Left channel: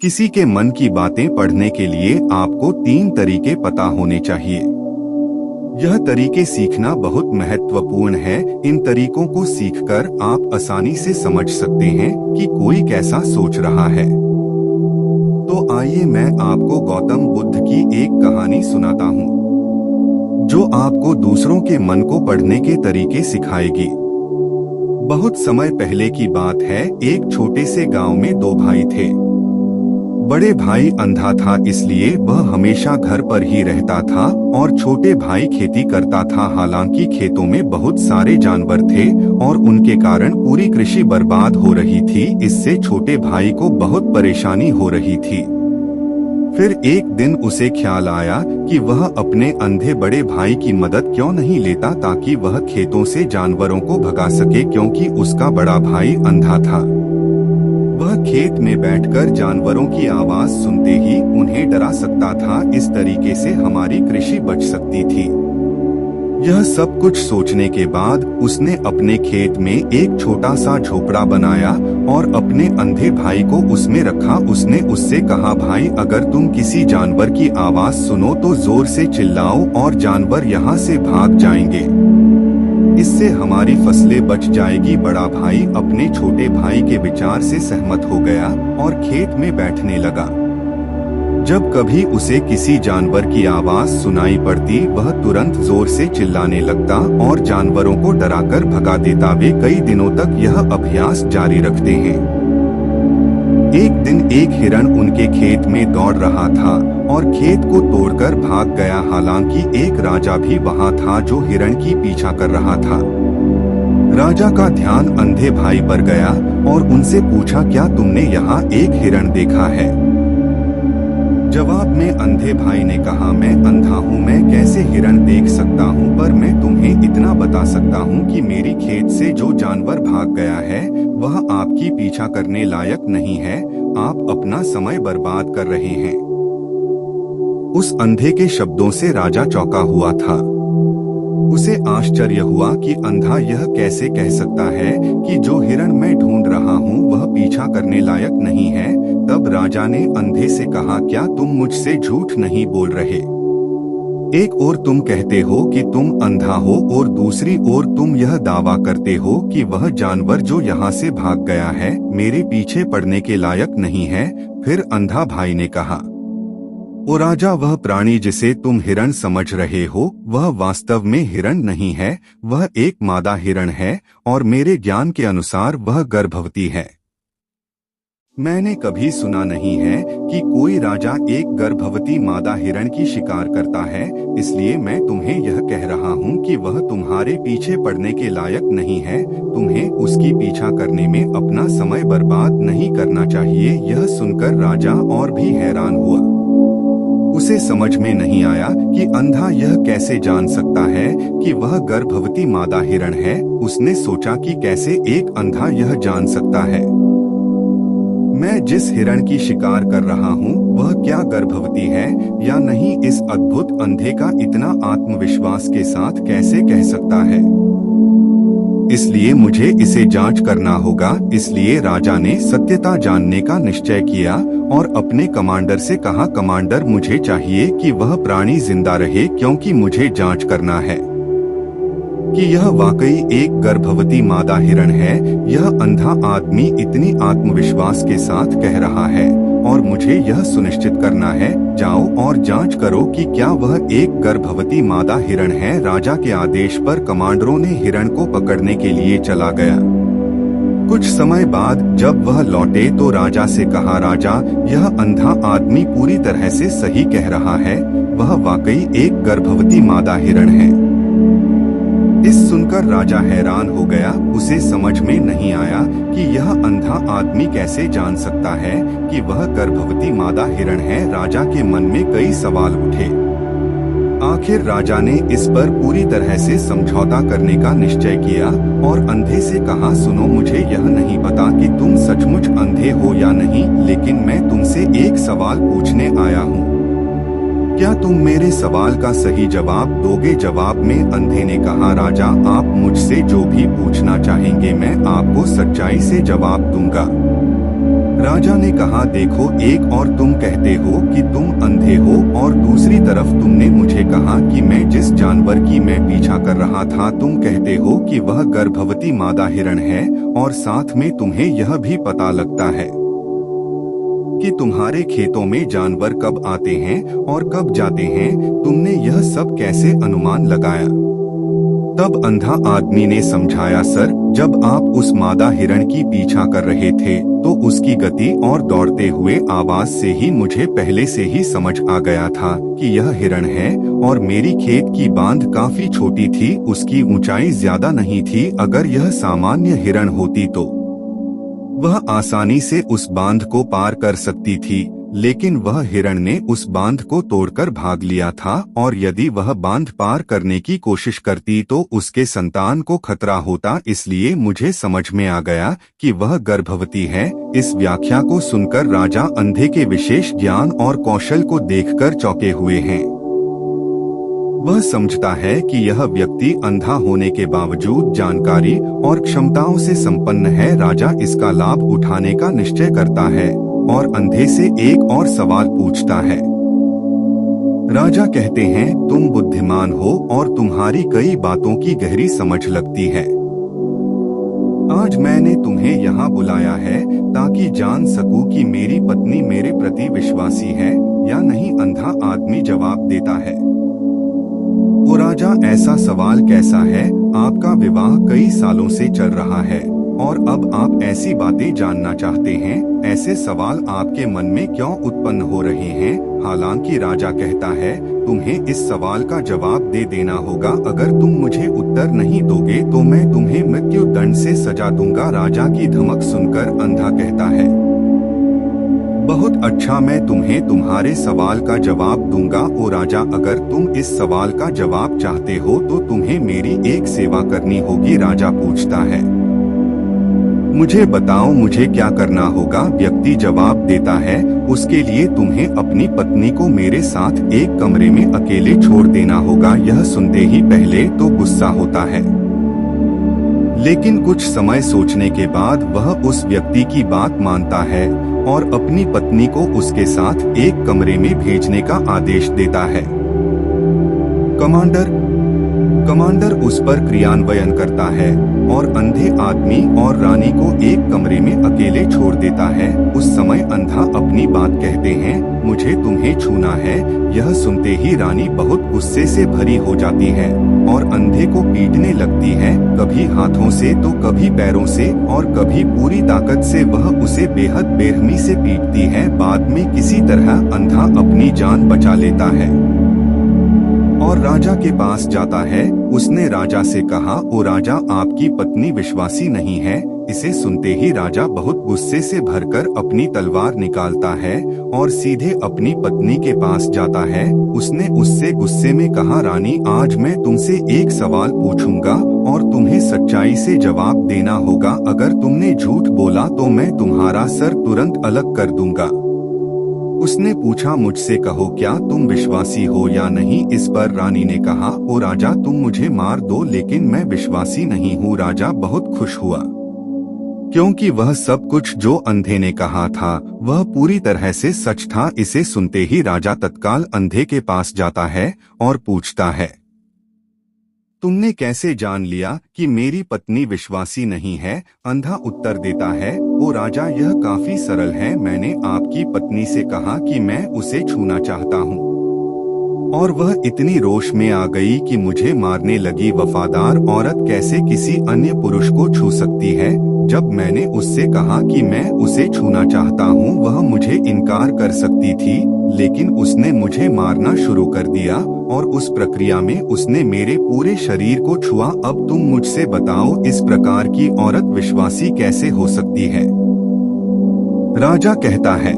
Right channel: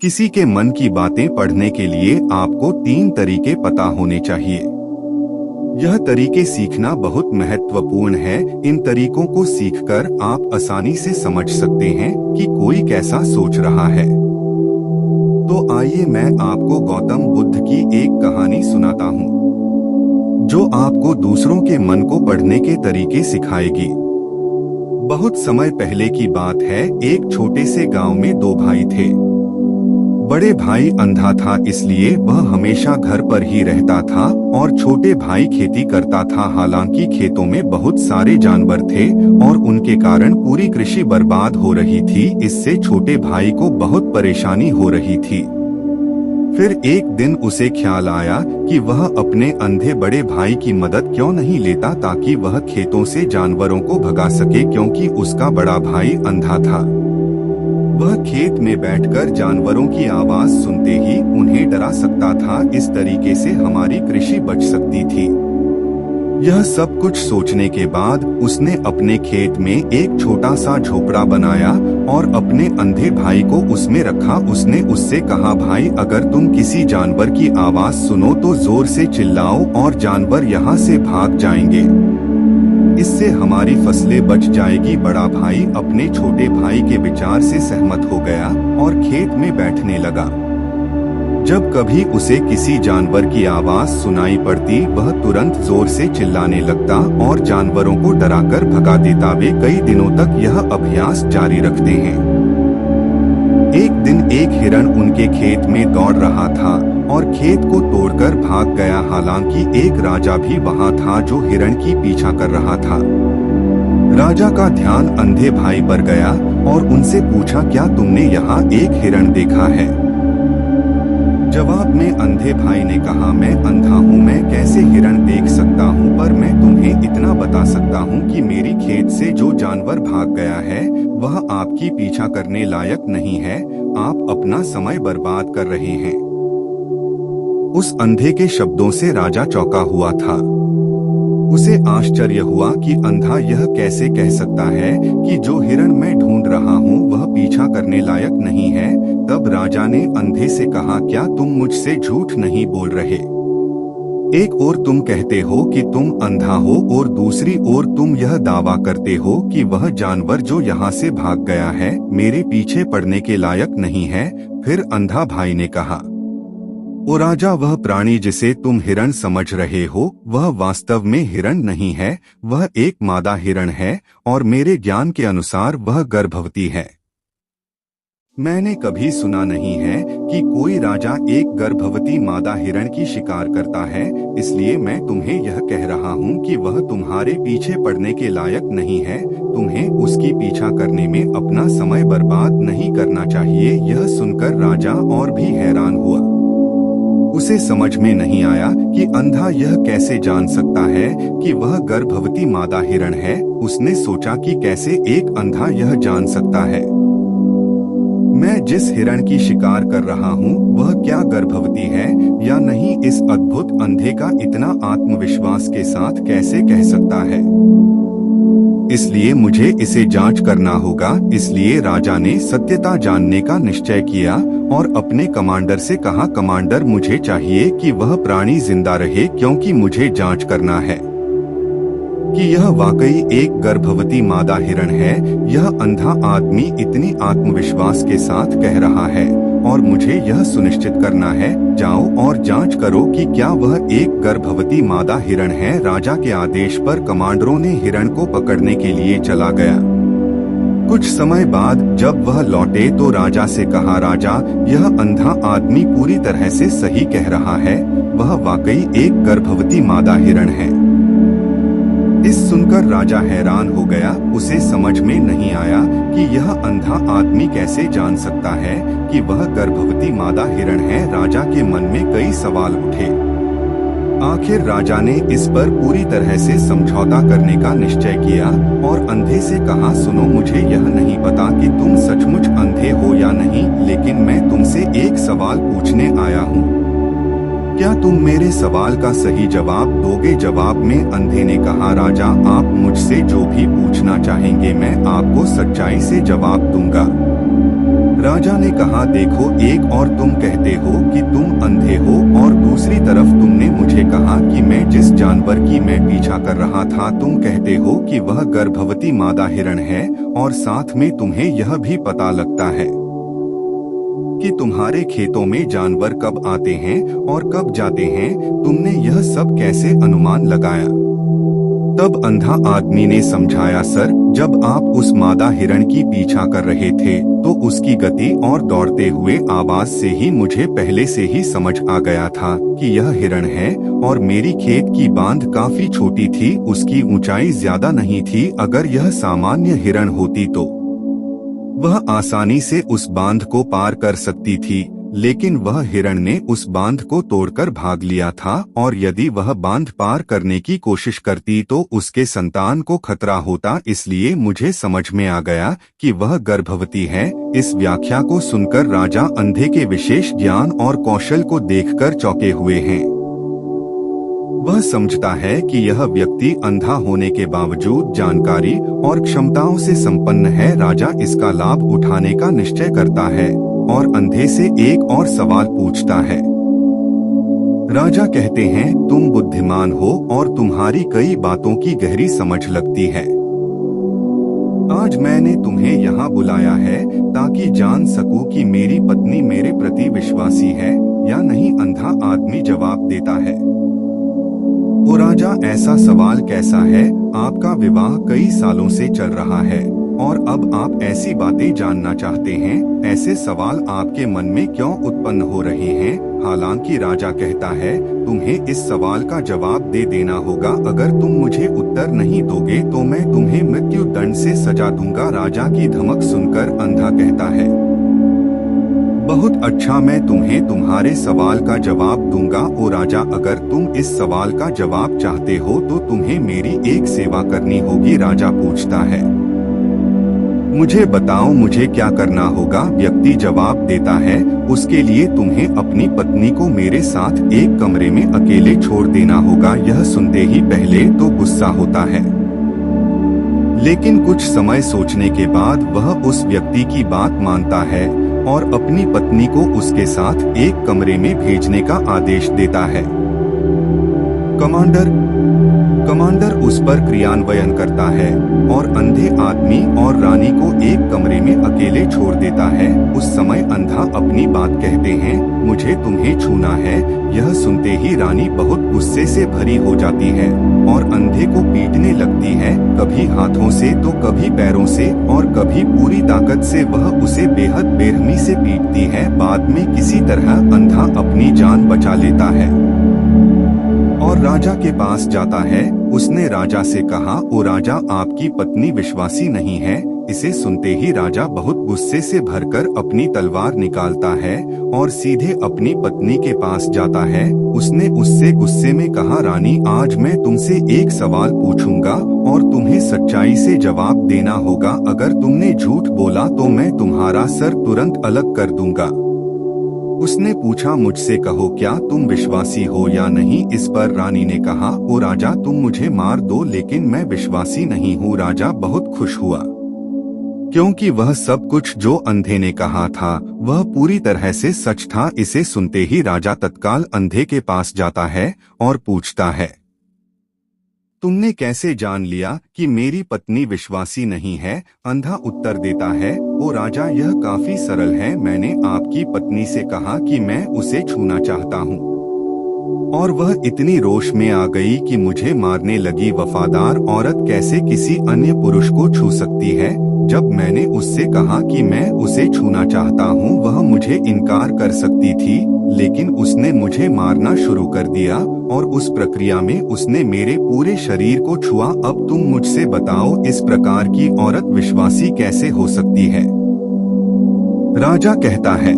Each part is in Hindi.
किसी के मन की बातें पढ़ने के लिए आपको 3 तरीके पता होने चाहिए। यह तरीके सीखना बहुत महत्वपूर्ण है। इन तरीकों को सीखकर आप आसानी से समझ सकते हैं कि कोई कैसा सोच रहा है। तो आइए मैं आपको गौतम बुद्ध की एक कहानी सुनाता हूँ, जो आपको दूसरों के मन को पढ़ने के तरीके सिखाएगी। बहुत समय पहले की बात है। एक छोटे से गांव में 2 भाई थे। बड़े भाई अंधा था, इसलिए वह हमेशा घर पर ही रहता था और छोटे भाई खेती करता था। हालांकि खेतों में बहुत सारे जानवर थे और उनके कारण पूरी कृषि बर्बाद हो रही थी। इससे छोटे भाई को बहुत परेशानी हो रही थी। फिर एक दिन उसे ख्याल आया कि वह अपने अंधे बड़े भाई की मदद क्यों नहीं लेता, ताकि वह खेतों से जानवरों को भगा सके, क्योंकि उसका बड़ा भाई अंधा था। वह खेत में बैठकर जानवरों की आवाज सुनते ही उन्हें डरा सकता था। इस तरीके से हमारी कृषि बच सकती थी। यह सब कुछ सोचने के बाद उसने अपने खेत में एक छोटा सा झोपड़ा बनाया और अपने अंधे भाई को उसमें रखा। उसने उससे कहा, भाई, अगर तुम किसी जानवर की आवाज सुनो तो जोर से चिल्लाओ और जानवर यहाँ से भाग जाएंगे। इससे हमारी फसलें बच जाएगी। बड़ा भाई अपने छोटे भाई के विचार से सहमत हो गया और खेत में बैठने लगा। जब कभी उसे किसी जानवर की आवाज सुनाई पड़ती, वह तुरंत जोर से चिल्लाने लगता और जानवरों को डराकर भगा देता। वे कई दिनों तक यह अभ्यास जारी रखते हैं। एक दिन एक हिरण उनके खेत में दौड़ रहा था और खेत को तोड़कर भाग गया। हालांकि एक राजा भी वहां था जो हिरण की पीछा कर रहा था। राजा का ध्यान अंधे भाई पर गया और उनसे पूछा, क्या तुमने यहाँ एक हिरण देखा है? जवाब में अंधे भाई ने कहा, मैं अंधा हूँ, मैं कैसे हिरण देख सकता हूँ, पर मैं तुम्हें इतना बता सकता हूँ कि मेरी खेत से जो जानवर भाग गया है वह आपकी पीछा करने लायक नहीं है। आप अपना समय बर्बाद कर रहे हैं। उस अंधे के शब्दों से राजा चौंका हुआ था। उसे आश्चर्य हुआ कि अंधा यह कैसे कह सकता है कि जो हिरण मैं ढूंढ रहा हूँ वह पीछा करने लायक नहीं है। तब राजा ने अंधे से कहा, क्या तुम मुझसे झूठ नहीं बोल रहे? एक ओर तुम कहते हो कि तुम अंधा हो और दूसरी ओर तुम यह दावा करते हो कि वह जानवर जो यहाँ से भाग गया है मेरे पीछे पड़ने के लायक नहीं है। फिर अंधा भाई ने कहा, ओ राजा, वह प्राणी जिसे तुम हिरण समझ रहे हो वह वास्तव में हिरण नहीं है। वह एक मादा हिरण है और मेरे ज्ञान के अनुसार वह गर्भवती है। मैंने कभी सुना नहीं है कि कोई राजा एक गर्भवती मादा हिरण की शिकार करता है। इसलिए मैं तुम्हें यह कह रहा हूँ कि वह तुम्हारे पीछे पड़ने के लायक नहीं है। तुम्हें उसकी पीछा करने में अपना समय बर्बाद नहीं करना चाहिए। यह सुनकर राजा और भी हैरान हुआ। उसे समझ में नहीं आया कि अंधा यह कैसे जान सकता है कि वह गर्भवती मादा हिरण है। उसने सोचा कि कैसे एक अंधा यह जान सकता है। मैं जिस हिरण की शिकार कर रहा हूँ वह क्या गर्भवती है या नहीं, इस अद्भुत अंधे का इतना आत्मविश्वास के साथ कैसे कह सकता है? इसलिए मुझे इसे जांच करना होगा। इसलिए राजा ने सत्यता जानने का निश्चय किया और अपने कमांडर से कहा, कमांडर, मुझे चाहिए कि वह प्राणी जिंदा रहे, क्योंकि मुझे जांच करना है कि यह वाकई एक गर्भवती मादा हिरण है। यह अंधा आदमी इतनी आत्मविश्वास के साथ कह रहा है और मुझे यह सुनिश्चित करना है। जाओ और जांच करो कि क्या वह एक गर्भवती मादा हिरण है। राजा के आदेश पर कमांडरों ने हिरण को पकड़ने के लिए चला गया। कुछ समय बाद जब वह लौटे तो राजा से कहा, राजा, यह अंधा आदमी पूरी तरह से सही कह रहा है। वह वाकई एक गर्भवती मादा हिरण है। इस सुनकर राजा हैरान हो गया। उसे समझ में नहीं आया कि यह अंधा आदमी कैसे जान सकता है कि वह गर्भवती मादा हिरण है। राजा के मन में कई सवाल उठे। आखिर राजा ने इस पर पूरी तरह से समझौता करने का निश्चय किया और अंधे से कहा, सुनो, मुझे यह नहीं पता कि तुम सचमुच अंधे हो या नहीं, लेकिन मैं तुमसे एक सवाल पूछने आया हूँ। क्या तुम मेरे सवाल का सही जवाब दोगे? जवाब में अंधे ने कहा, राजा, आप मुझसे जो भी पूछना चाहेंगे मैं आपको सच्चाई से जवाब दूंगा। राजा ने कहा, देखो, एक और तुम कहते हो कि तुम अंधे हो और दूसरी तरफ तुमने मुझे कहा कि मैं जिस जानवर की मैं पीछा कर रहा था तुम कहते हो कि वह गर्भवती मादा हिरण है, और साथ में तुम्हें यह भी पता लगता है कि तुम्हारे खेतों में जानवर कब आते हैं और कब जाते हैं। तुमने यह सब कैसे अनुमान लगाया? तब अंधा आदमी ने समझाया, सर, जब आप उस मादा हिरण की पीछा कर रहे थे तो उसकी गति और दौड़ते हुए आवाज से ही मुझे पहले से ही समझ आ गया था कि यह हिरण है, और मेरी खेत की बांध काफी छोटी थी, उसकी ऊंचाई ज्यादा नहीं थी। अगर यह सामान्य हिरण होती तो वह आसानी से उस बांध को पार कर सकती थी, लेकिन वह हिरण ने उस बांध को तोड़कर भाग लिया था, और यदि वह बांध पार करने की कोशिश करती तो उसके संतान को खतरा होता। इसलिए मुझे समझ में आ गया कि वह गर्भवती है। इस व्याख्या को सुनकर राजा अंधे के विशेष ज्ञान और कौशल को देखकर चौंके हुए हैं। वह समझता है कि यह व्यक्ति अंधा होने के बावजूद जानकारी और क्षमताओं से संपन्न है। राजा इसका लाभ उठाने का निश्चय करता है और अंधे से एक और सवाल पूछता है। राजा कहते हैं, तुम बुद्धिमान हो और तुम्हारी कई बातों की गहरी समझ लगती है। आज मैंने तुम्हें यहाँ बुलाया है ताकि जान सकूं कि मेरी पत्नी मेरे प्रति विश्वासी है या नहीं। अंधा आदमी जवाब देता है, ओ राजा, ऐसा सवाल कैसा है? आपका विवाह कई सालों से चल रहा है और अब आप ऐसी बातें जानना चाहते हैं। ऐसे सवाल आपके मन में क्यों उत्पन्न हो रहे हैं? हालांकि राजा कहता है, तुम्हें इस सवाल का जवाब दे देना होगा। अगर तुम मुझे उत्तर नहीं दोगे तो मैं तुम्हें मृत्यु दंड से सजा दूंगा। राजा की धमक सुनकर अंधा कहता है, बहुत अच्छा, मैं तुम्हें तुम्हारे सवाल का जवाब दूंगा। ओ राजा, अगर तुम इस सवाल का जवाब चाहते हो तो तुम्हें मेरी एक सेवा करनी होगी। राजा पूछता है, मुझे बताओ, मुझे क्या करना होगा? व्यक्ति जवाब देता है, उसके लिए तुम्हें अपनी पत्नी को मेरे साथ एक कमरे में अकेले छोड़ देना होगा। यह सुनते ही पहले तो गुस्सा होता है, लेकिन कुछ समय सोचने के बाद वह उस व्यक्ति की बात मानता है और अपनी पत्नी को उसके साथ एक कमरे में भेजने का आदेश देता है। कमांडर उस पर क्रियान्वयन करता है और अंधे आदमी और रानी को एक कमरे में अकेले छोड़ देता है। उस समय अंधा अपनी बात कहते हैं, मुझे तुम्हें छूना है। यह सुनते ही रानी बहुत गुस्से से भरी हो जाती है और अंधे को पीटने लगती है, कभी हाथों से तो कभी पैरों से और कभी पूरी ताकत से वह उसे बेहद बेरहमी से पीटती है। बाद में किसी तरह अंधा अपनी जान बचा लेता है और राजा के पास जाता है। उसने राजा से कहा, ओ राजा, आपकी पत्नी विश्वासी नहीं है। इसे सुनते ही राजा बहुत गुस्से से भरकर अपनी तलवार निकालता है और सीधे अपनी पत्नी के पास जाता है। उसने उससे गुस्से में कहा, रानी, आज मैं तुमसे एक सवाल पूछूंगा और तुम्हें सच्चाई से जवाब देना होगा। अगर तुमने झूठ बोला तो मैं तुम्हारा सर तुरंत अलग कर दूंगा। उसने पूछा, मुझसे कहो, क्या तुम विश्वासी हो या नहीं? इस पर रानी ने कहा, ओ राजा, तुम मुझे मार दो लेकिन मैं विश्वासी नहीं हूँ। राजा बहुत खुश हुआ क्योंकि वह सब कुछ जो अंधे ने कहा था वह पूरी तरह से सच था। इसे सुनते ही राजा तत्काल अंधे के पास जाता है और पूछता है, तुमने कैसे जान लिया कि मेरी पत्नी विश्वासी नहीं है? अंधा उत्तर देता है, ओ राजा, यह काफी सरल है। मैंने आपकी पत्नी से कहा कि मैं उसे छूना चाहता हूँ और वह इतनी रोष में आ गई कि मुझे मारने लगी। वफादार औरत कैसे किसी अन्य पुरुष को छू सकती है? जब मैंने उससे कहा कि मैं उसे छूना चाहता हूँ वह मुझे इनकार कर सकती थी, लेकिन उसने मुझे मारना शुरू कर दिया और उस प्रक्रिया में उसने मेरे पूरे शरीर को छुआ। अब तुम मुझसे बताओ, इस प्रकार की औरत विश्वासी कैसे हो सकती है? राजा कहता है,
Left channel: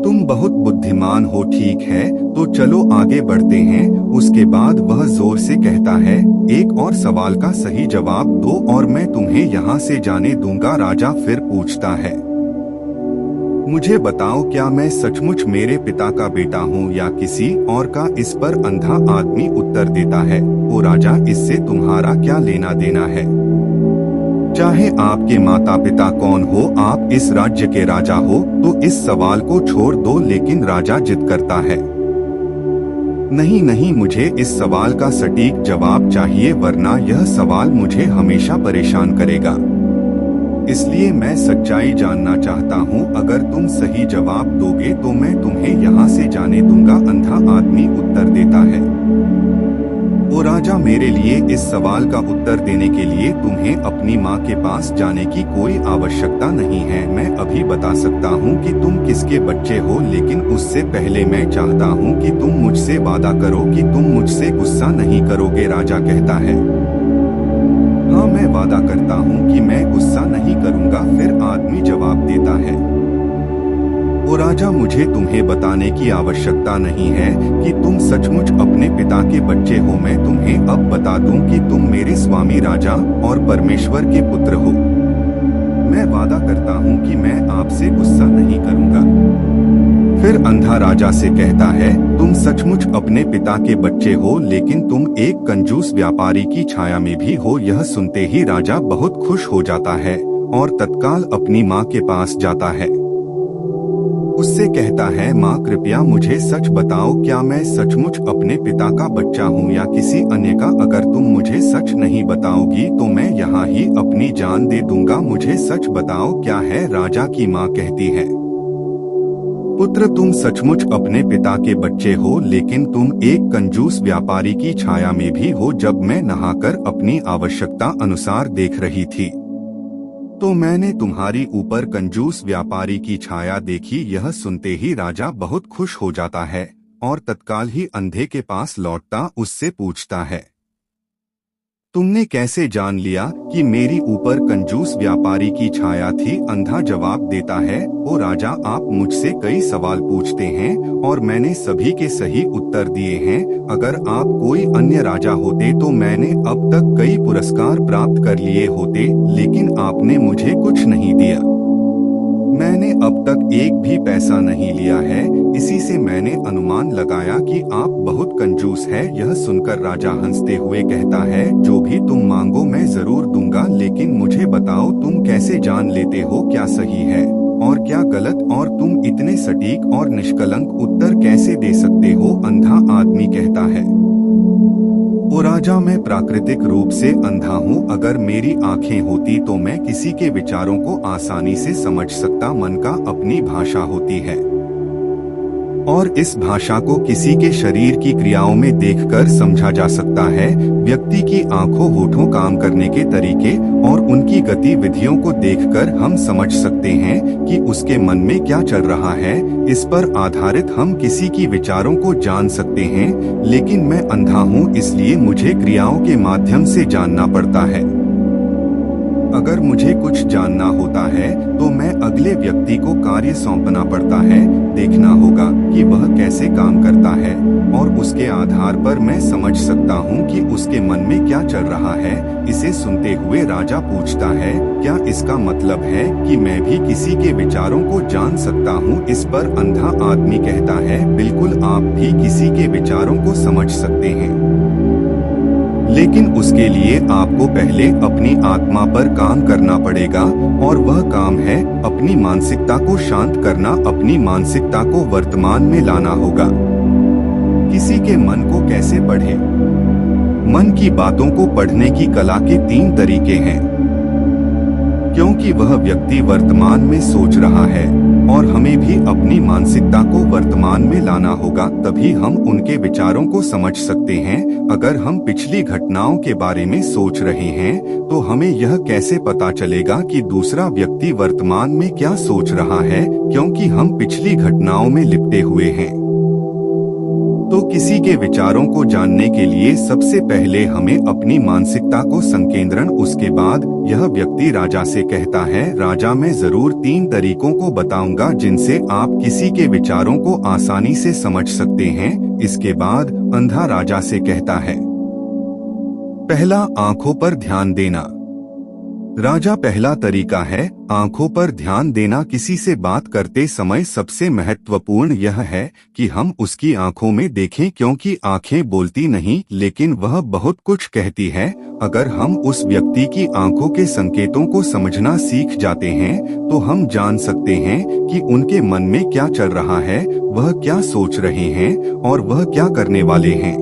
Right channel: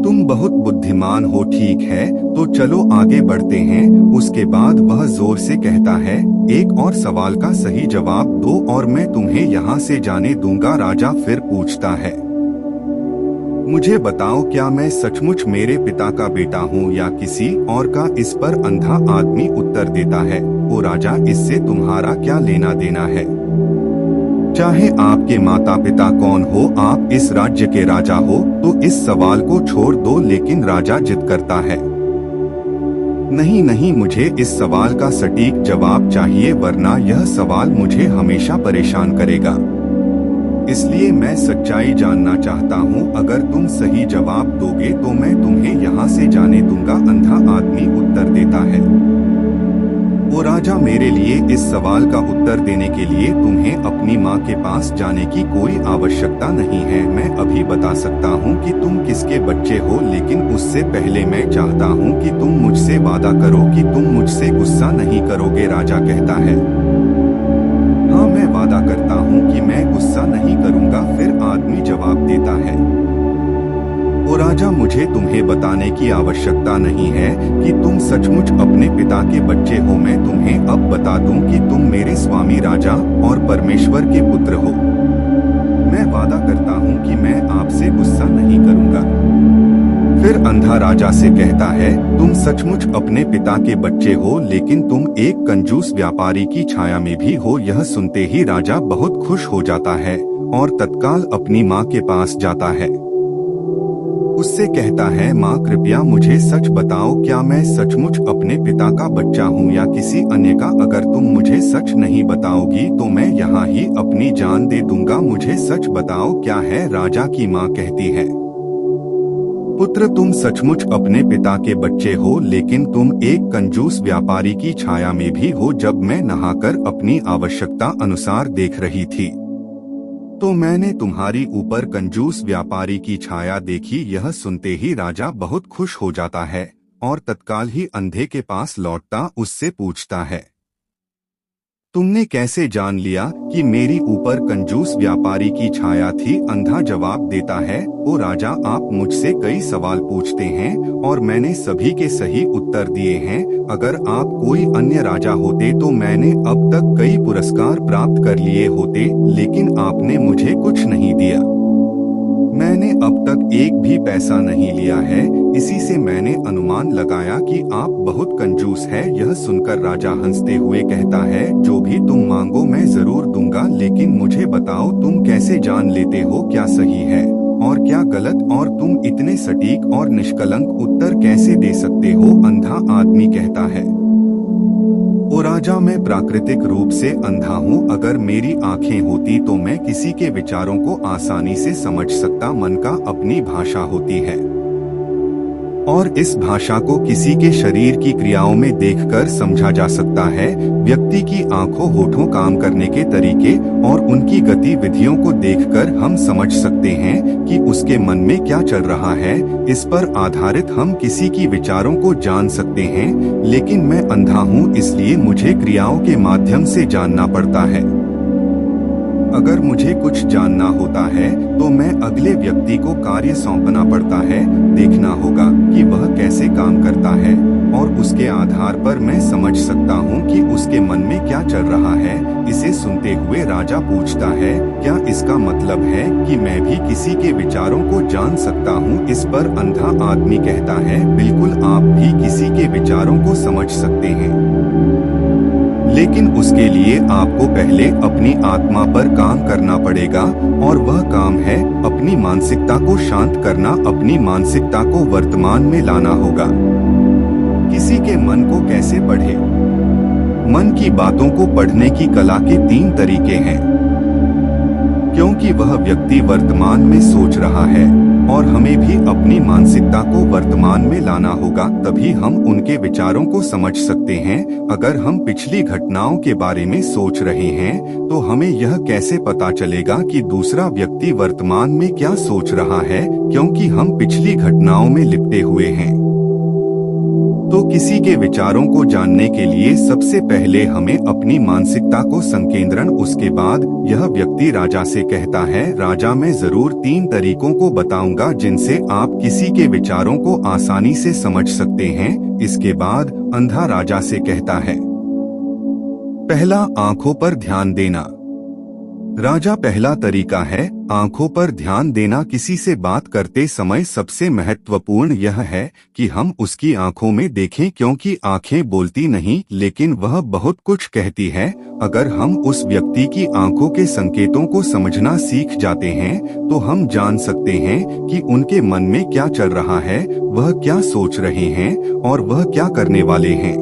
तुम बहुत बुद्धिमान हो, ठीक है, तो चलो आगे बढ़ते हैं। उसके बाद वह जोर से कहता है, एक और सवाल का सही जवाब दो और मैं तुम्हें यहाँ से जाने दूंगा। राजा फिर पूछता है, मुझे बताओ, क्या मैं सचमुच मेरे पिता का बेटा हूँ या किसी और का? इस पर अंधा आदमी उत्तर देता है, ओ राजा, इससे तुम्हारा क्या लेना देना है? चाहे आपके माता पिता कौन हो, आप इस राज्य के राजा हो, तो इस सवाल को छोड़ दो। लेकिन राजा जिद करता है, नहीं नहीं, मुझे इस सवाल का सटीक जवाब चाहिए, वरना यह सवाल मुझे हमेशा परेशान करेगा। इसलिए मैं सच्चाई जानना चाहता हूँ। अगर तुम सही जवाब दोगे तो मैं तुम्हें यहाँ से जाने दूंगा। अंधा आदमी उत्तर देता है, ओ राजा, मेरे लिए इस सवाल का उत्तर देने के लिए तुम्हें अपनी माँ के पास जाने की कोई आवश्यकता नहीं है। मैं अभी बता सकता हूँ कि तुम किसके बच्चे हो, लेकिन उससे पहले मैं चाहता हूँ कि तुम मुझसे वादा करो कि तुम मुझसे गुस्सा नहीं करोगे। राजा कहता है, हाँ, मैं वादा करता हूँ कि मैं गुस्सा नहीं करूँगा। फिर आदमी जवाब देता है, ओ राजा, मुझे तुम्हें बताने की आवश्यकता नहीं है कि तुम सचमुच अपने पिता के बच्चे हो। मैं तुम्हें अब बता दूं कि तुम मेरे स्वामी राजा और परमेश्वर के पुत्र हो। मैं वादा करता हूं कि मैं आपसे गुस्सा नहीं करूंगा। फिर अंधा राजा से कहता है, तुम सचमुच अपने पिता के बच्चे हो, लेकिन तुम एक कंजूस व्यापारी की छाया में भी हो। यह सुनते ही राजा बहुत खुश हो जाता है और तत्काल अपनी माँ के पास जाता है। उससे कहता है, माँ, कृपया मुझे सच बताओ, क्या मैं सचमुच अपने पिता का बच्चा हूँ या किसी अन्य का? अगर तुम मुझे सच नहीं बताओगी तो मैं यहाँ ही अपनी जान दे दूंगा। मुझे सच बताओ, क्या है? राजा की माँ कहती है, पुत्र, तुम सचमुच अपने पिता के बच्चे हो, लेकिन तुम एक कंजूस व्यापारी की छाया में भी हो। जब मैं नहाकर अपनी आवश्यकता अनुसार देख रही थी तो मैंने तुम्हारी ऊपर कंजूस व्यापारी की छाया देखी। यह सुनते ही राजा बहुत खुश हो जाता है और तत्काल ही अंधे के पास लौटता उससे पूछता है, तुमने कैसे जान लिया कि मेरी ऊपर कंजूस व्यापारी की छाया थी? अंधा जवाब देता है, ओ राजा, आप मुझसे कई सवाल पूछते हैं और मैंने सभी के सही उत्तर दिए हैं। अगर आप कोई अन्य राजा होते तो मैंने अब तक कई पुरस्कार प्राप्त कर लिए होते, लेकिन आपने मुझे कुछ नहीं दिया। मैंने अब तक एक भी पैसा नहीं लिया है, इसी से मैंने अनुमान लगाया कि आप बहुत कंजूस है। यह सुनकर राजा हंसते हुए कहता है, जो भी तुम मांगो मैं जरूर दूंगा, लेकिन मुझे बताओ तुम कैसे जान लेते हो क्या सही है और क्या गलत, और तुम इतने सटीक और निष्कलंक उत्तर कैसे दे सकते हो? अंधा आदमी कहता है, ओ राजा, मैं प्राकृतिक रूप से अंधा हूँ। अगर मेरी आँखें होती तो मैं किसी के विचारों को आसानी से समझ सकता। मन का अपनी भाषा होती है और इस भाषा को किसी के शरीर की क्रियाओं में देखकर समझा जा सकता है। व्यक्ति की आंखों, होठों, काम करने के तरीके और उनकी गतिविधियों को देखकर हम समझ सकते हैं कि उसके मन में क्या चल रहा है। इस पर आधारित हम किसी की विचारों को जान सकते हैं, लेकिन मैं अंधा हूँ, इसलिए मुझे क्रियाओं के माध्यम से जानना पड़ता है। अगर मुझे कुछ जानना होता है तो मैं अगले व्यक्ति को कार्य सौंपना पड़ता है। देखना होगा कि वह कैसे काम करता है और उसके आधार पर मैं समझ सकता हूँ कि उसके मन में क्या चल रहा है। इसे सुनते हुए राजा पूछता है, क्या इसका मतलब है कि मैं भी किसी के विचारों को जान सकता हूँ? इस पर अंधा आदमी कहता है, बिल्कुल, आप भी किसी के विचारों को समझ सकते हैं, लेकिन उसके लिए आपको पहले अपनी आत्मा पर काम करना पड़ेगा और वह काम है अपनी मानसिकता को शांत करना। अपनी मानसिकता को वर्तमान में लाना होगा। किसी के मन को कैसे पढ़े? मन की बातों को पढ़ने की कला के 3 तरीके हैं, क्योंकि वह व्यक्ति वर्तमान में सोच रहा है और हमें भी अपनी मानसिकता को वर्तमान में लाना होगा, तभी हम उनके विचारों को समझ सकते हैं। अगर हम पिछली घटनाओं के बारे में सोच रहे हैं तो हमें यह कैसे पता चलेगा कि दूसरा व्यक्ति वर्तमान में क्या सोच रहा है, क्योंकि हम पिछली घटनाओं में लिपटे हुए हैं। तो किसी के विचारों को जानने के लिए सबसे पहले हमें अपनी मानसिकता को संकेंद्रण। उसके बाद यह व्यक्ति राजा से कहता है, राजा, मैं जरूर 3 तरीकों को बताऊंगा जिनसे आप किसी के विचारों को आसानी से समझ सकते हैं। इसके बाद अंधा राजा से कहता है, पहला, आंखों पर ध्यान देना। राजा, पहला तरीका है आंखों पर ध्यान देना। किसी से बात करते समय सबसे महत्वपूर्ण यह है कि हम उसकी आंखों में देखें, क्योंकि आंखें बोलती नहीं लेकिन वह बहुत कुछ कहती है। अगर हम उस व्यक्ति की आंखों के संकेतों को समझना सीख जाते हैं तो हम जान सकते हैं कि उनके मन में क्या चल रहा है, वह क्या सोच रहे हैं और वह क्या करने वाले हैं।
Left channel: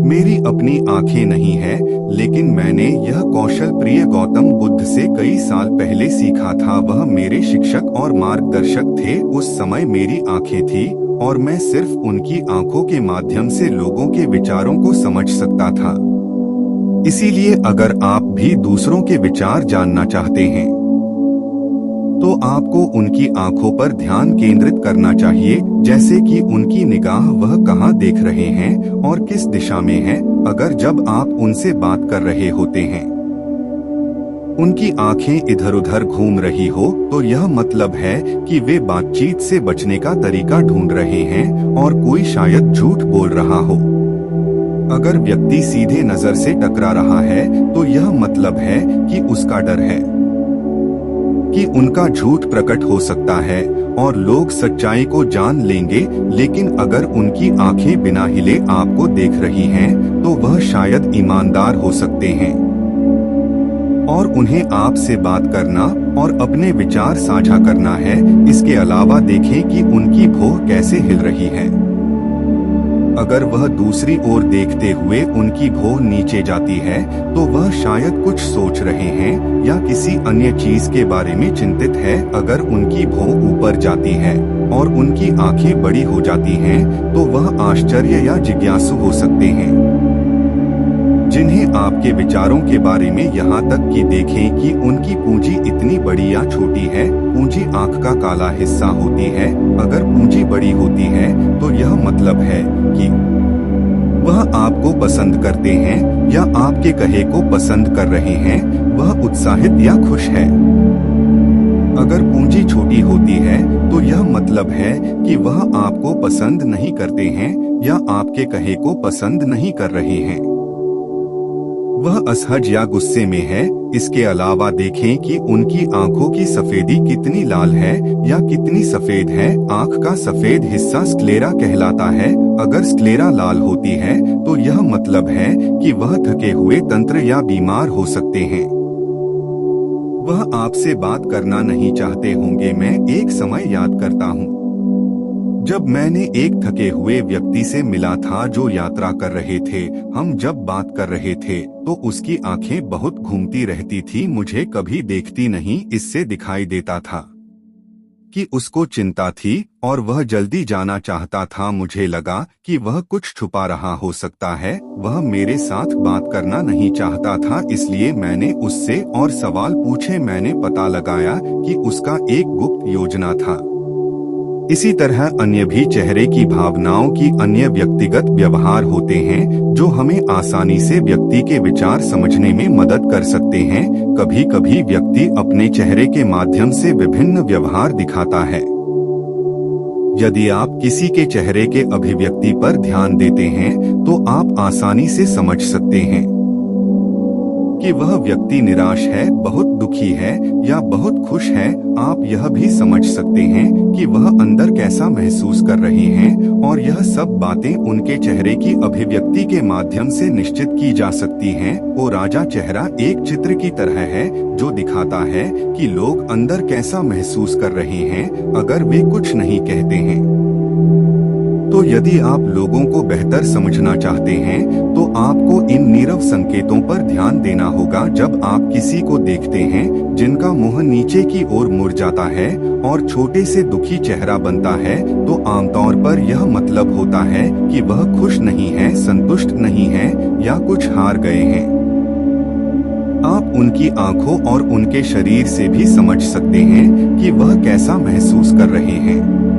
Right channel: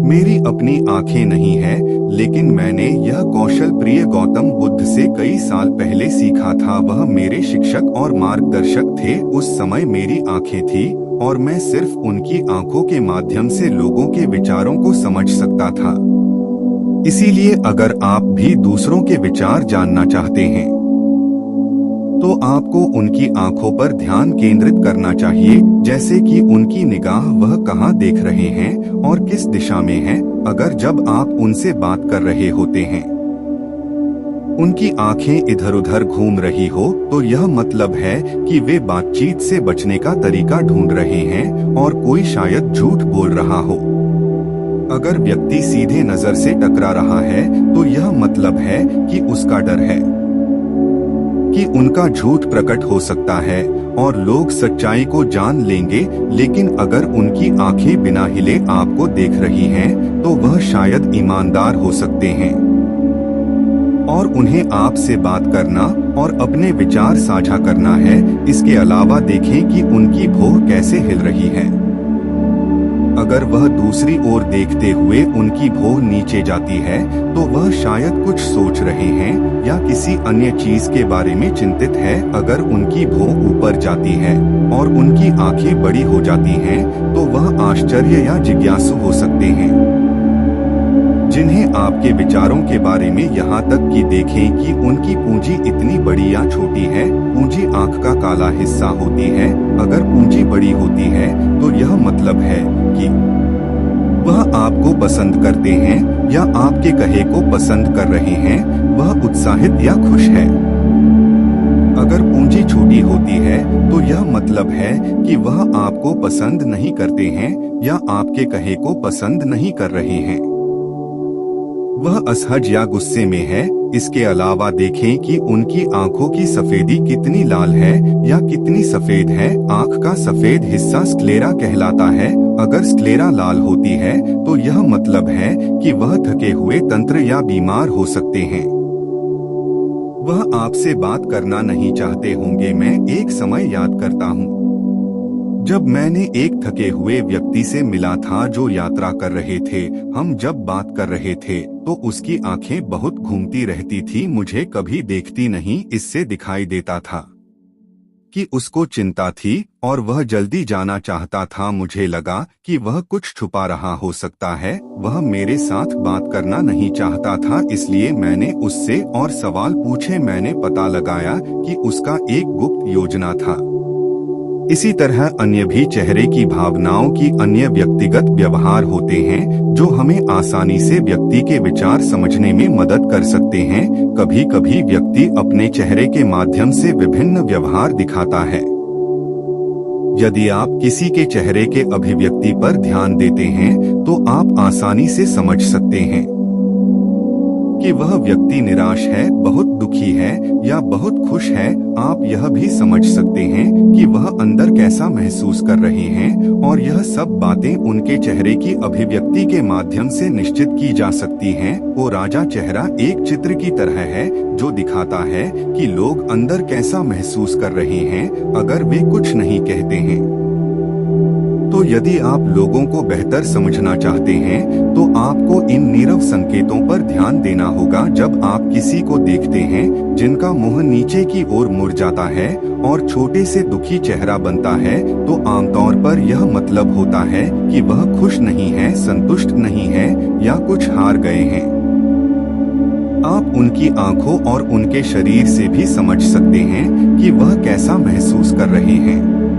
मेरी अपनी आंखें नहीं है, लेकिन मैंने यह कौशल प्रिय गौतम बुद्ध से कई साल पहले सीखा था। वह मेरे शिक्षक और मार्गदर्शक थे। उस समय मेरी आंखें थी और मैं सिर्फ उनकी आंखों के माध्यम से लोगों के विचारों को समझ सकता था। इसीलिए अगर आप भी दूसरों के विचार जानना चाहते हैं तो आपको उनकी आंखों पर ध्यान केंद्रित करना चाहिए, जैसे कि उनकी निगाह वह कहां देख रहे हैं और किस दिशा में है। अगर जब आप उनसे बात कर रहे होते हैं उनकी आंखें इधर उधर घूम रही हो तो यह मतलब है कि वे बातचीत से बचने का तरीका ढूंढ रहे हैं और कोई शायद झूठ बोल रहा हो। अगर व्यक्ति सीधे नजर से टकरा रहा है तो यह मतलब है कि उसका डर है कि उनका झूठ प्रकट हो सकता है और लोग सच्चाई को जान लेंगे। लेकिन अगर उनकी आंखें बिना हिले आपको देख रही हैं, तो वह शायद ईमानदार हो सकते हैं और उन्हें आपसे बात करना और अपने विचार साझा करना है। इसके अलावा देखें कि उनकी भौं कैसे हिल रही है। अगर वह दूसरी ओर देखते हुए उनकी भौं नीचे जाती है तो वह शायद कुछ सोच रहे हैं या किसी अन्य चीज के बारे में चिंतित है। अगर उनकी भौं ऊपर जाती है और उनकी आंखें बड़ी हो जाती हैं, तो वह आश्चर्य या जिज्ञासु हो सकते हैं, जिन्हें आपके विचारों के बारे में यहाँ तक कि देखें कि उनकी पूंजी इतनी बड़ी या छोटी है। पूंजी आंख का काला हिस्सा होती है। अगर पूंजी बड़ी होती है तो यह मतलब है कि वह आपको पसंद करते हैं या आपके कहे को पसंद कर रहे हैं। वह उत्साहित या खुश है। अगर पूंजी छोटी होती है तो यह मतलब है कि वह आपको पसंद नहीं करते हैं या आपके कहे को पसंद नहीं कर रहे हैं। वह असहज या गुस्से में है। इसके अलावा देखें कि उनकी आंखों की सफेदी कितनी लाल है या कितनी सफेद है। आंख का सफेद हिस्सा स्क्लेरा कहलाता है। अगर स्क्लेरा लाल होती है तो यह मतलब है कि वह थके हुए तंत्र या बीमार हो सकते हैं। वह आपसे बात करना नहीं चाहते होंगे। मैं एक समय याद करता हूँ जब मैंने एक थके हुए व्यक्ति से मिला था जो यात्रा कर रहे थे। हम जब बात कर रहे थे तो उसकी आंखें बहुत घूमती रहती थी। मुझे कभी देखती नहीं। इससे दिखाई देता था कि उसको चिंता थी और वह जल्दी जाना चाहता था। मुझे लगा कि वह कुछ छुपा रहा हो सकता है। वह मेरे साथ बात करना नहीं चाहता था, इसलिए मैंने उससे और सवाल पूछे। मैंने पता लगाया कि उसका एक गुप्त योजना था। इसी तरह अन्य भी चेहरे की भावनाओं की अन्य व्यक्तिगत व्यवहार होते हैं जो हमें आसानी से व्यक्ति के विचार समझने में मदद कर सकते हैं। कभी कभी व्यक्ति अपने चेहरे के माध्यम से विभिन्न व्यवहार दिखाता है। यदि आप किसी के चेहरे के अभिव्यक्ति पर ध्यान देते हैं तो आप आसानी से समझ सकते हैं कि वह व्यक्ति निराश है, बहुत दुखी है या बहुत खुश है। आप यह भी समझ सकते हैं कि वह अंदर कैसा महसूस कर रहे हैं और यह सब बातें उनके चेहरे की अभिव्यक्ति के माध्यम से निश्चित की जा सकती हैं। वो राजा चेहरा एक चित्र की तरह है जो दिखाता है कि लोग अंदर कैसा महसूस कर रहे हैं अगर वे कुछ नहीं कहते हैं। तो यदि आप लोगों को बेहतर समझना चाहते हैं तो आपको इन नीरव संकेतों पर ध्यान देना होगा। जब आप किसी को देखते हैं जिनका मुंह नीचे की ओर मुड़ जाता है और छोटे से दुखी चेहरा बनता है, तो आमतौर पर यह मतलब होता है कि वह खुश नहीं है, संतुष्ट नहीं है या कुछ हार गए हैं। आप उनकी आंखों और उनके शरीर से भी समझ सकते हैं कि वह कैसा महसूस कर रहे हैं।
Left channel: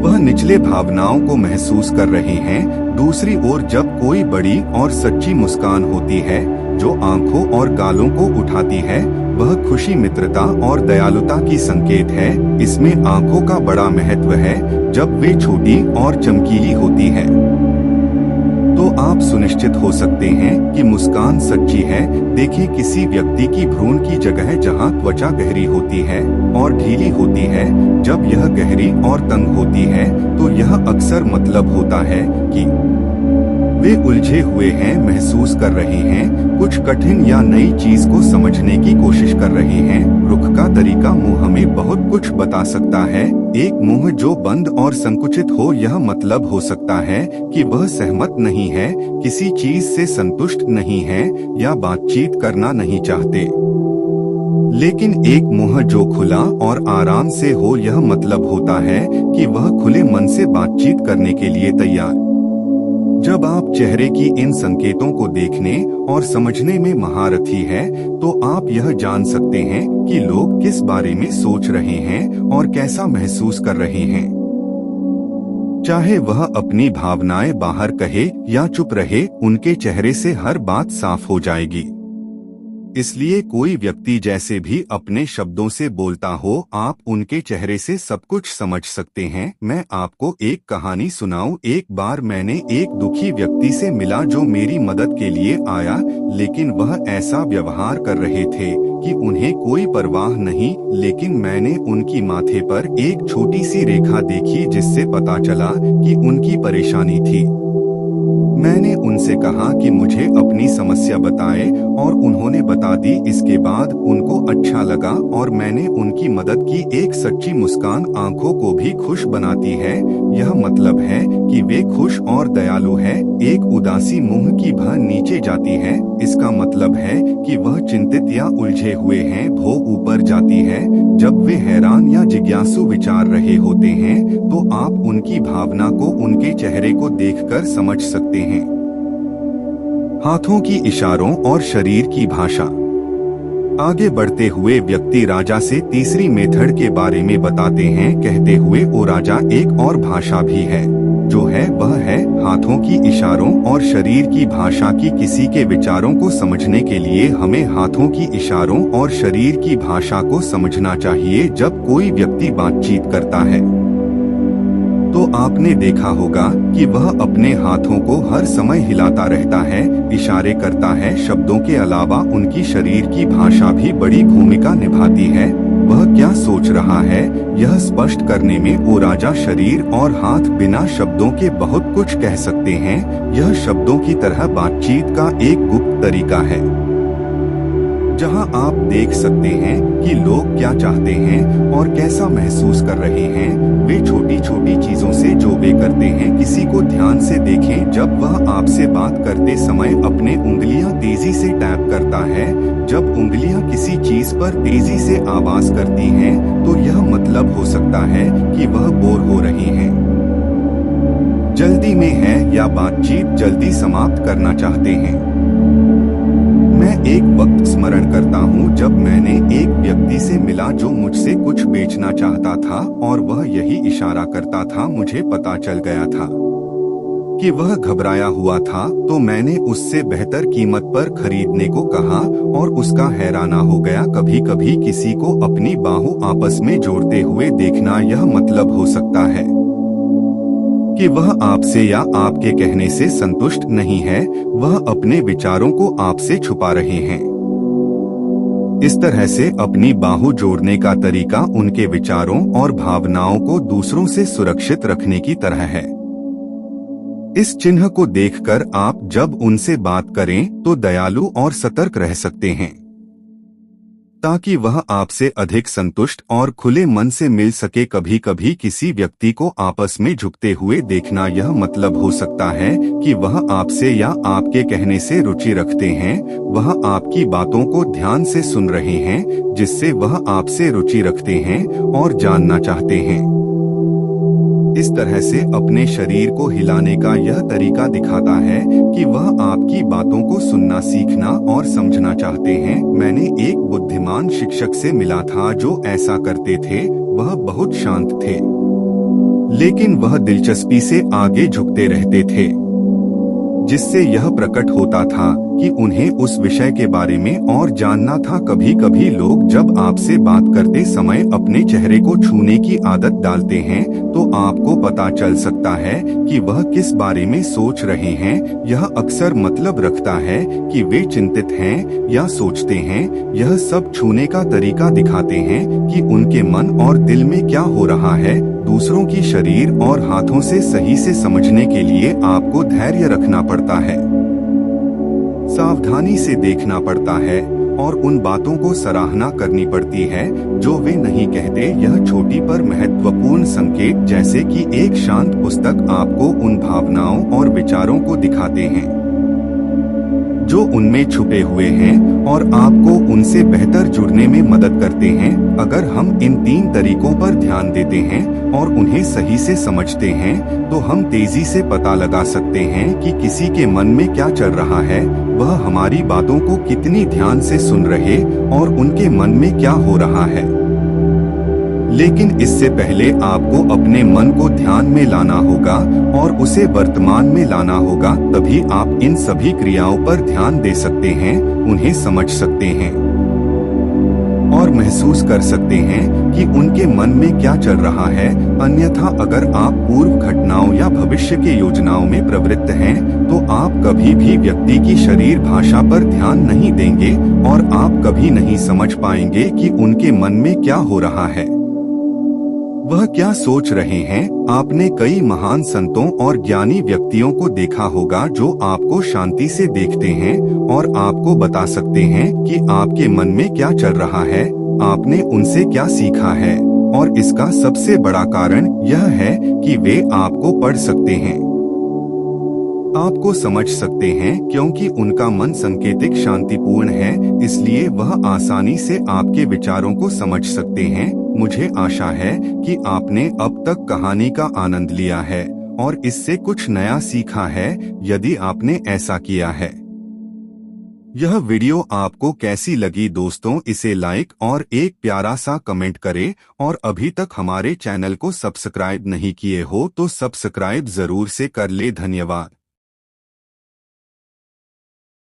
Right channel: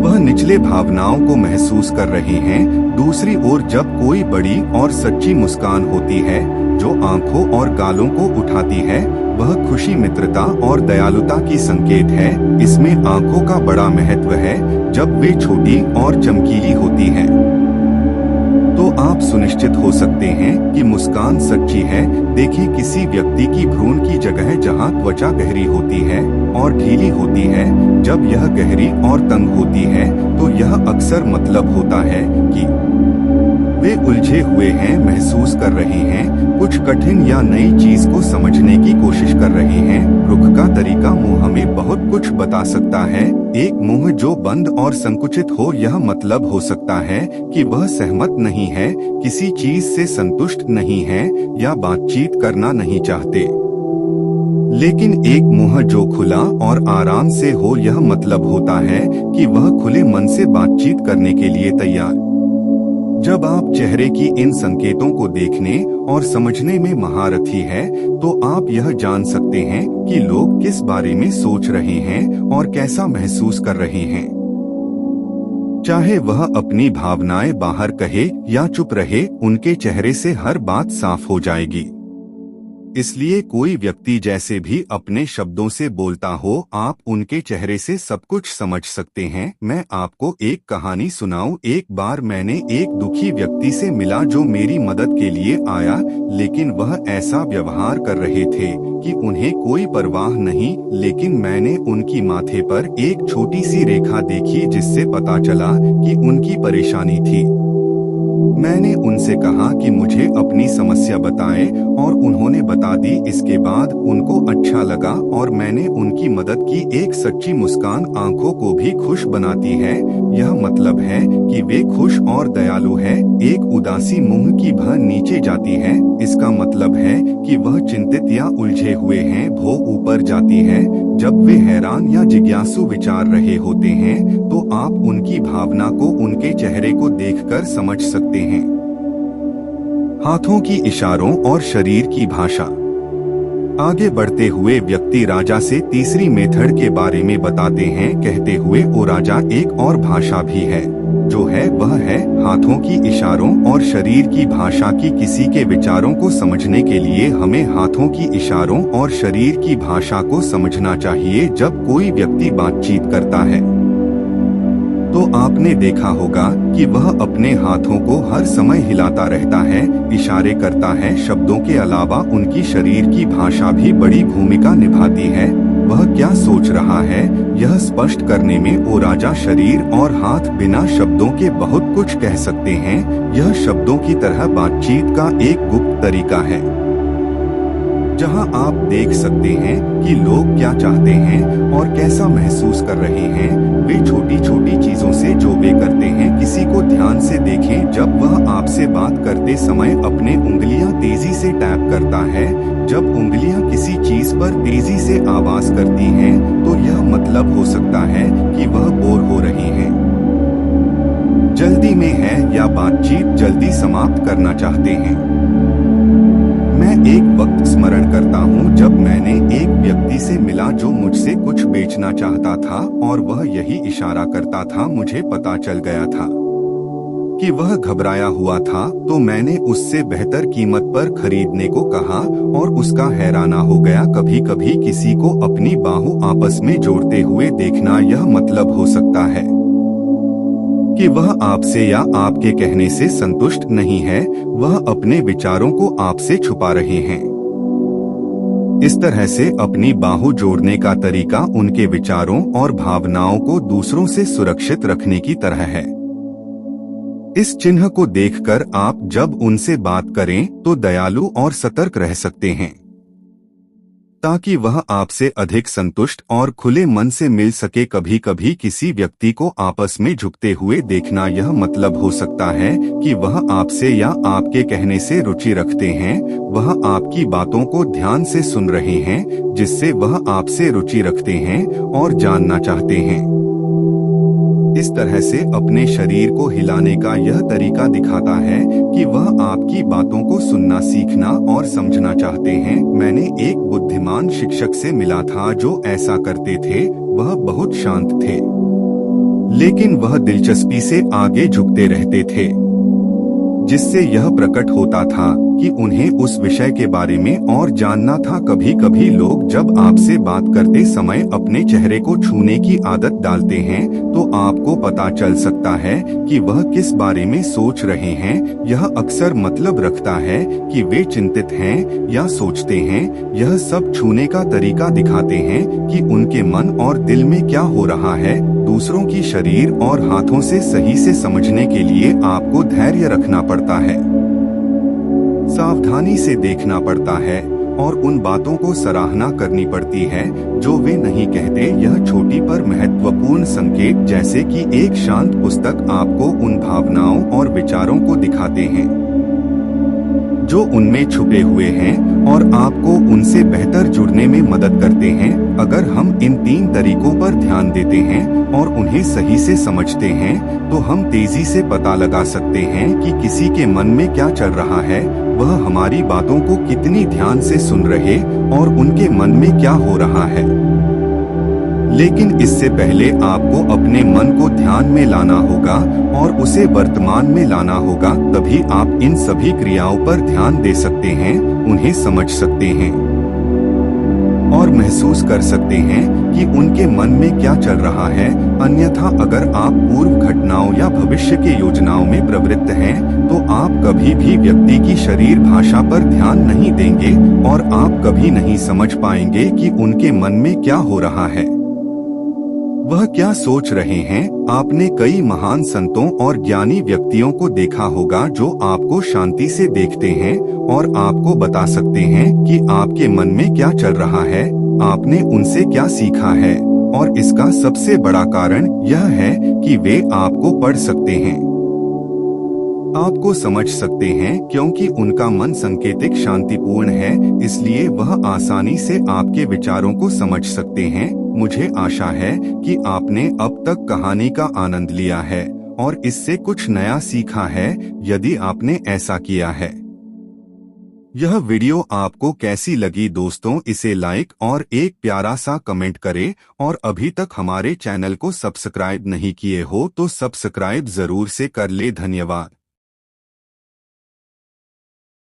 वह निचले भावनाओं को महसूस कर रहे हैं। दूसरी ओर जब कोई बड़ी और सच्ची मुस्कान होती है जो आंखों और गालों को उठाती है, वह खुशी, मित्रता और दयालुता की संकेत है। इसमें आंखों का बड़ा महत्व है। जब वे छोटी और चमकीली होती हैं तो आप सुनिश्चित हो सकते हैं कि मुस्कान सच्ची है। देखिए, किसी व्यक्ति की भ्रूण की जगह जहां त्वचा गहरी होती है और ढीली होती है, जब यह गहरी और तंग होती है तो यह अक्सर मतलब होता है कि वे उलझे हुए हैं, महसूस कर रहे हैं, कुछ कठिन या नई चीज को समझने की कोशिश कर रहे हैं। रुख का तरीका मुंह हमें बहुत कुछ बता सकता है। एक मुंह जो बंद और संकुचित हो, यह मतलब हो सकता है कि वह सहमत नहीं है, किसी चीज से संतुष्ट नहीं है या बातचीत करना नहीं चाहते। लेकिन एक मुंह जो खुला और आराम से हो, यह मतलब होता है कि वह खुले मन से बातचीत करने के लिए तैयार। जब आप चेहरे की इन संकेतों को देखने और समझने में महारथी है, तो आप यह जान सकते हैं कि लोग किस बारे में सोच रहे हैं और कैसा महसूस कर रहे हैं। चाहे वह अपनी भावनाएं बाहर कहे या चुप रहे, उनके चेहरे से हर बात साफ हो जाएगी। इसलिए कोई व्यक्ति जैसे भी अपने शब्दों से बोलता हो, आप उनके चेहरे से सब कुछ समझ सकते हैं। मैं आपको एक कहानी सुनाऊं। एक बार मैंने एक दुखी व्यक्ति से मिला जो मेरी मदद के लिए आया, लेकिन वह ऐसा व्यवहार कर रहे थे कि उन्हें कोई परवाह नहीं। लेकिन मैंने उनकी माथे पर एक छोटी सी रेखा देखी, जिससे पता चला कि उनकी परेशानी थी। मैंने उनसे कहा कि मुझे अपनी समस्या बताएं और उन्होंने बता दी। इसके बाद उनको अच्छा लगा और मैंने उनकी मदद की। एक सच्ची मुस्कान आंखों को भी खुश बनाती है। यह मतलब है कि वे खुश और दयालु है। एक उदासी मुंह की भौं नीचे जाती है, इसका मतलब है कि वह चिंतित या उलझे हुए हैं। भौं ऊपर जाती है जब वे हैरान या जिज्ञासु विचार रहे होते हैं, तो आप उनकी भावना को उनके चेहरे को देखकर समझ सकते हैं। हाथों की इशारों और शरीर की भाषा। आगे बढ़ते हुए व्यक्ति राजा से तीसरी मेथड के बारे में बताते हैं, कहते हुए, ओ राजा, एक और भाषा भी है, जो है वह है हाथों की इशारों और शरीर की भाषा की। किसी के विचारों को समझने के लिए हमें हाथों की इशारों और शरीर की भाषा को समझना चाहिए। जब कोई व्यक्ति बातचीत करता है तो आपने देखा होगा कि वह अपने हाथों को हर समय हिलाता रहता है, इशारे करता है। शब्दों के अलावा उनकी शरीर की भाषा भी बड़ी भूमिका निभाती है। वह क्या सोच रहा है, यह स्पष्ट करने में ओ राजा शरीर और हाथ बिना शब्दों के बहुत कुछ कह सकते हैं। यह शब्दों की तरह बातचीत का एक गुप्त तरीका है, जहां आप देख सकते हैं कि लोग क्या चाहते हैं और कैसा महसूस कर रहे हैं। वे छोटी छोटी चीजों से जो वे करते हैं, किसी को ध्यान से देखें। जब वह आपसे बात करते समय अपने उंगलियां तेजी से टैप करता है, जब उंगलियां किसी चीज पर तेजी से आवाज करती हैं, तो यह मतलब हो सकता है कि वह बोर हो रहे हैं, जल्दी में है या बातचीत जल्दी समाप्त करना चाहते हैं। मैं एक वक्त स्मरण करता हूँ जब मैंने एक व्यक्ति से मिला जो मुझसे कुछ बेचना चाहता था और वह यही इशारा करता था। मुझे पता चल गया था कि वह घबराया हुआ था, तो मैंने उससे बेहतर कीमत पर खरीदने को कहा और उसका हैराना हो गया। कभी कभी किसी को अपनी बाहों आपस में जोड़ते हुए देखना, यह मतलब हो सकता है कि वह आपसे या आपके कहने से संतुष्ट नहीं है, वह अपने विचारों को आपसे छुपा रहे हैं। इस तरह से अपनी बाहों जोड़ने का तरीका उनके विचारों और भावनाओं को दूसरों से सुरक्षित रखने की तरह है। इस चिन्ह को देखकर आप जब उनसे बात करें तो दयालु और सतर्क रह सकते हैं, ताकि वह आपसे अधिक संतुष्ट और खुले मन से मिल सके। कभी कभी किसी व्यक्ति को आपस में झुकते हुए देखना, यह मतलब हो सकता है कि वह आपसे या आपके कहने से रुचि रखते हैं। वह आपकी बातों को ध्यान से सुन रहे हैं, जिससे वह आपसे रुचि रखते हैं और जानना चाहते हैं। इस तरह से अपने शरीर को हिलाने का यह तरीका दिखाता है कि वह आपकी बातों को सुनना, सीखना और समझना चाहते हैं। मैंने एक बुद्धिमान शिक्षक से मिला था जो ऐसा करते थे। वह बहुत शांत थे, लेकिन वह दिलचस्पी से आगे झुकते रहते थे, जिससे यह प्रकट होता था कि उन्हें उस विषय के बारे में और जानना था। कभी कभी लोग जब आपसे बात करते समय अपने चेहरे को छूने की आदत डालते हैं तो आपको पता चल सकता है कि वह किस बारे में सोच रहे हैं। यह अक्सर मतलब रखता है कि वे चिंतित हैं या सोचते हैं। यह सब छूने का तरीका दिखाते हैं कि उनके मन और दिल में क्या हो रहा है। दूसरों की शरीर और हाथों से सही से समझने के लिए आपको धैर्य रखना पड़ता है, सावधानी से देखना पड़ता है और उन बातों को सराहना करनी पड़ती है जो वे नहीं कहते। यह छोटी पर महत्वपूर्ण संकेत जैसे कि एक शांत पुस्तक आपको उन भावनाओं और विचारों को दिखाते हैं जो उनमें छुपे हुए हैं और आपको उनसे बेहतर जुड़ने में मदद करते हैं। अगर हम इन 3 तरीकों पर ध्यान देते हैं और उन्हें सही से समझते हैं तो हम तेजी से पता लगा सकते हैं कि किसी के मन में क्या चल रहा है, वह हमारी बातों को कितनी ध्यान से सुन रहे और उनके मन में क्या हो रहा है। लेकिन इससे पहले आपको अपने मन को ध्यान में लाना होगा और उसे वर्तमान में लाना होगा। तभी आप इन सभी क्रियाओं पर ध्यान दे सकते हैं, उन्हें समझ सकते हैं और महसूस कर सकते हैं कि उनके मन में क्या चल रहा है। अन्यथा अगर आप पूर्व घटनाओं या भविष्य के योजनाओं में प्रवृत्त हैं तो आप कभी भी व्यक्ति की शरीर भाषा पर ध्यान नहीं देंगे और आप कभी नहीं समझ पाएंगे कि उनके मन में क्या हो रहा है, वह क्या सोच रहे हैं। आपने कई महान संतों और ज्ञानी व्यक्तियों को देखा होगा जो आपको शांति से देखते हैं और आपको बता सकते हैं कि आपके मन में क्या चल रहा है, आपने उनसे क्या सीखा है। और इसका सबसे बड़ा कारण यह है कि वे आपको पढ़ सकते हैं, आपको समझ सकते हैं, क्योंकि उनका मन संकेतिक शांतिपूर्ण है, इसलिए वह आसानी से आपके विचारों को समझ सकते हैं। मुझे आशा है कि आपने अब तक कहानी का आनंद लिया है और इससे कुछ नया सीखा है। यदि आपने ऐसा किया है, यह वीडियो आपको कैसी लगी दोस्तों, इसे लाइक और एक प्यारा सा कमेंट करें। और अभी तक हमारे चैनल को सब्सक्राइब नहीं किए हो तो सब्सक्राइब जरूर से कर ले। धन्यवाद।